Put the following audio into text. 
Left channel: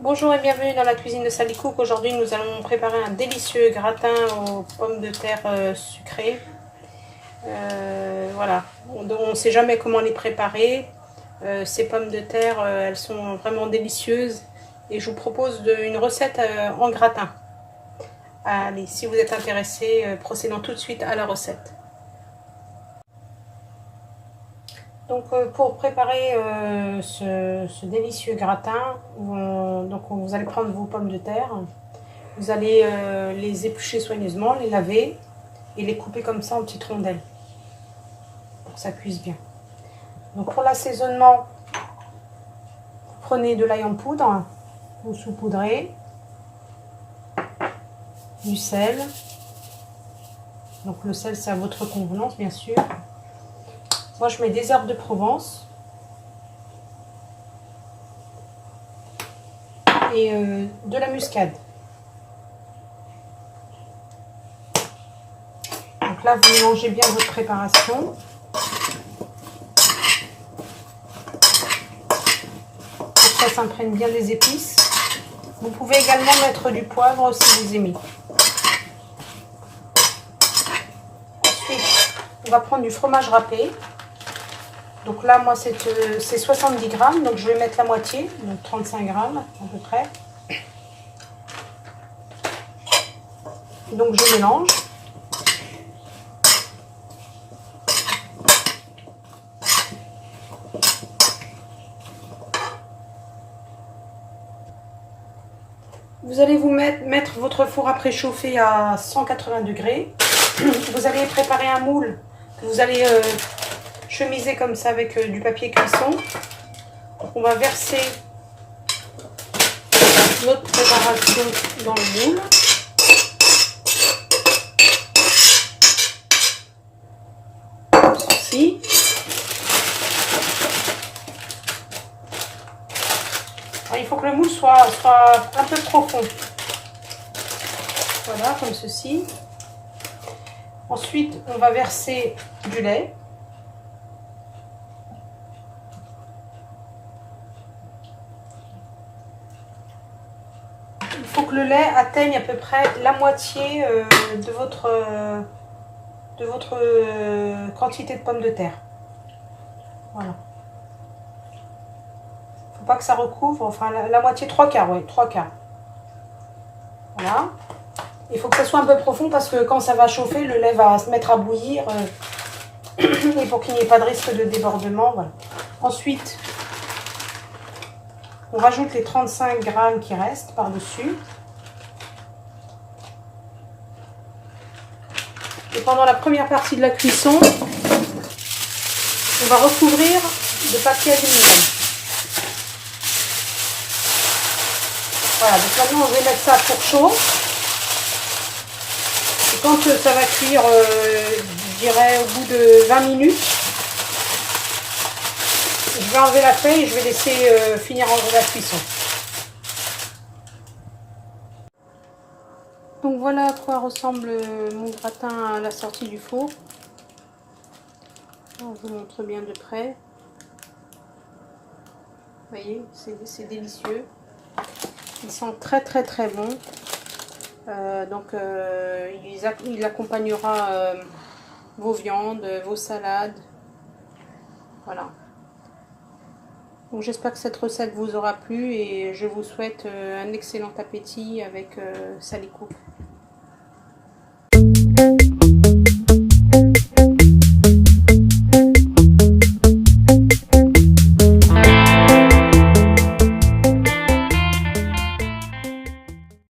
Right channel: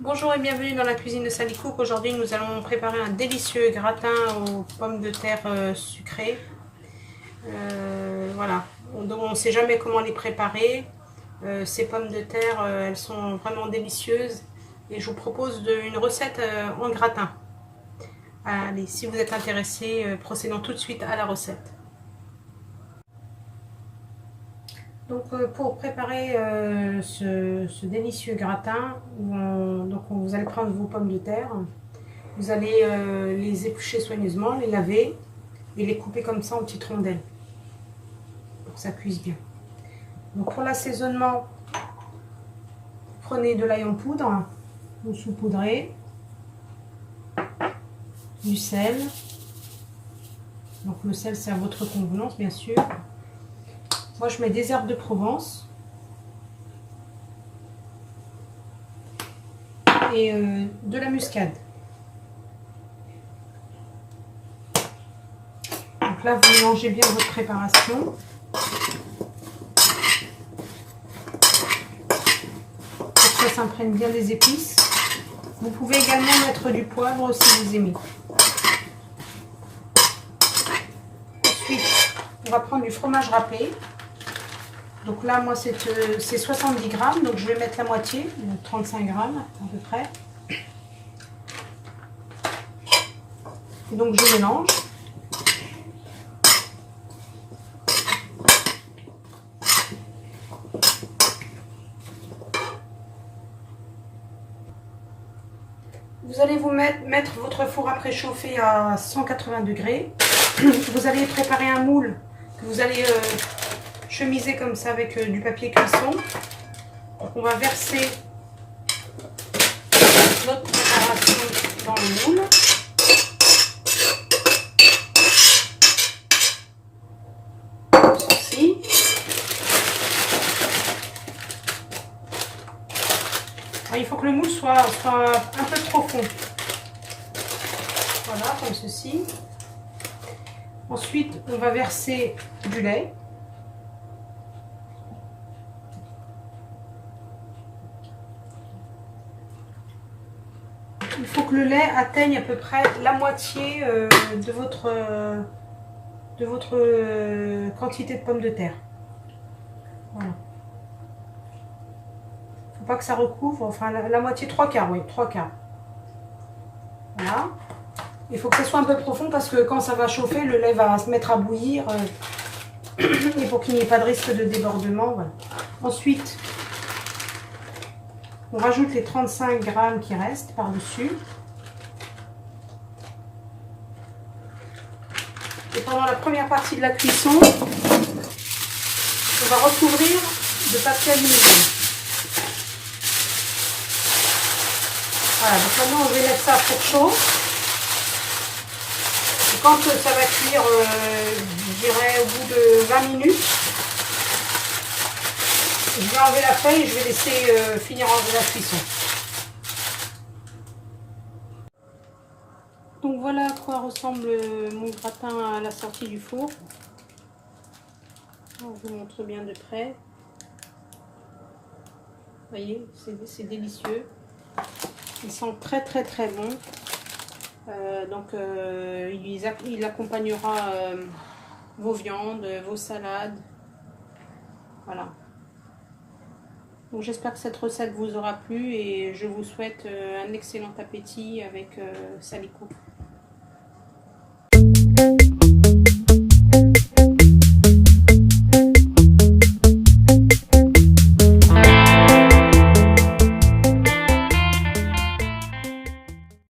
Bonjour et bienvenue dans la cuisine de Sally Cook. Aujourd'hui nous allons préparer un délicieux gratin aux pommes de terre sucrées. Voilà, on ne sait jamais comment les préparer. Ces pommes de terre, elles sont vraiment délicieuses et je vous propose une recette en gratin. Allez, si vous êtes intéressé, procédons tout de suite à la recette. Donc pour préparer ce délicieux gratin, vous allez prendre vos pommes de terre, vous allez les éplucher soigneusement, les laver et les couper comme ça en petites rondelles pour que ça cuise bien. Donc pour l'assaisonnement, prenez de l'ail en poudre, vous saupoudrez, du sel, donc le sel c'est à votre convenance bien sûr. Moi je mets des herbes de Provence et de la muscade. Donc là vous mélangez bien votre préparation. Pour que ça s'imprègne bien les épices. Vous pouvez également mettre du poivre si vous aimez. Ensuite on va prendre du fromage râpé. Donc là, moi, c'est 70 grammes, donc je vais mettre la moitié, donc 35 grammes à peu près. Donc je mélange. Vous allez vous mettre votre four à préchauffer à 180 degrés. Vous allez préparer un moule que vous allez chemiser comme ça avec du papier cuisson. Donc on va verser notre préparation dans le moule. Ceci. Alors, il faut que le moule soit un peu profond. Voilà, comme ceci. Ensuite, on va verser du lait. Il faut que le lait atteigne à peu près la moitié de votre quantité de pommes de terre. Voilà. Il ne faut pas que ça recouvre, enfin la moitié, 3/4, oui, 3/4. Voilà. Il faut que ça soit un peu profond parce que quand ça va chauffer, le lait va se mettre à bouillir. Et pour qu'il n'y ait pas de risque de débordement. Voilà. Ensuite, on rajoute les 35 grammes qui restent par-dessus. Et pendant la première partie de la cuisson, on va recouvrir de papier aluminium. Voilà, donc maintenant on va mettre ça à four chaud. Et quand ça va cuire, je dirais au bout de 20 minutes, je vais enlever la feuille et je vais laisser finir la cuisson. Donc voilà à quoi ressemble mon gratin à la sortie du four. On vous montre bien de près. Vous voyez, c'est délicieux. Ils sont très très bons. Il accompagnera vos viandes, vos salades. Voilà. Donc j'espère que cette recette vous aura plu et je vous souhaite un excellent appétit avec Sally Cook.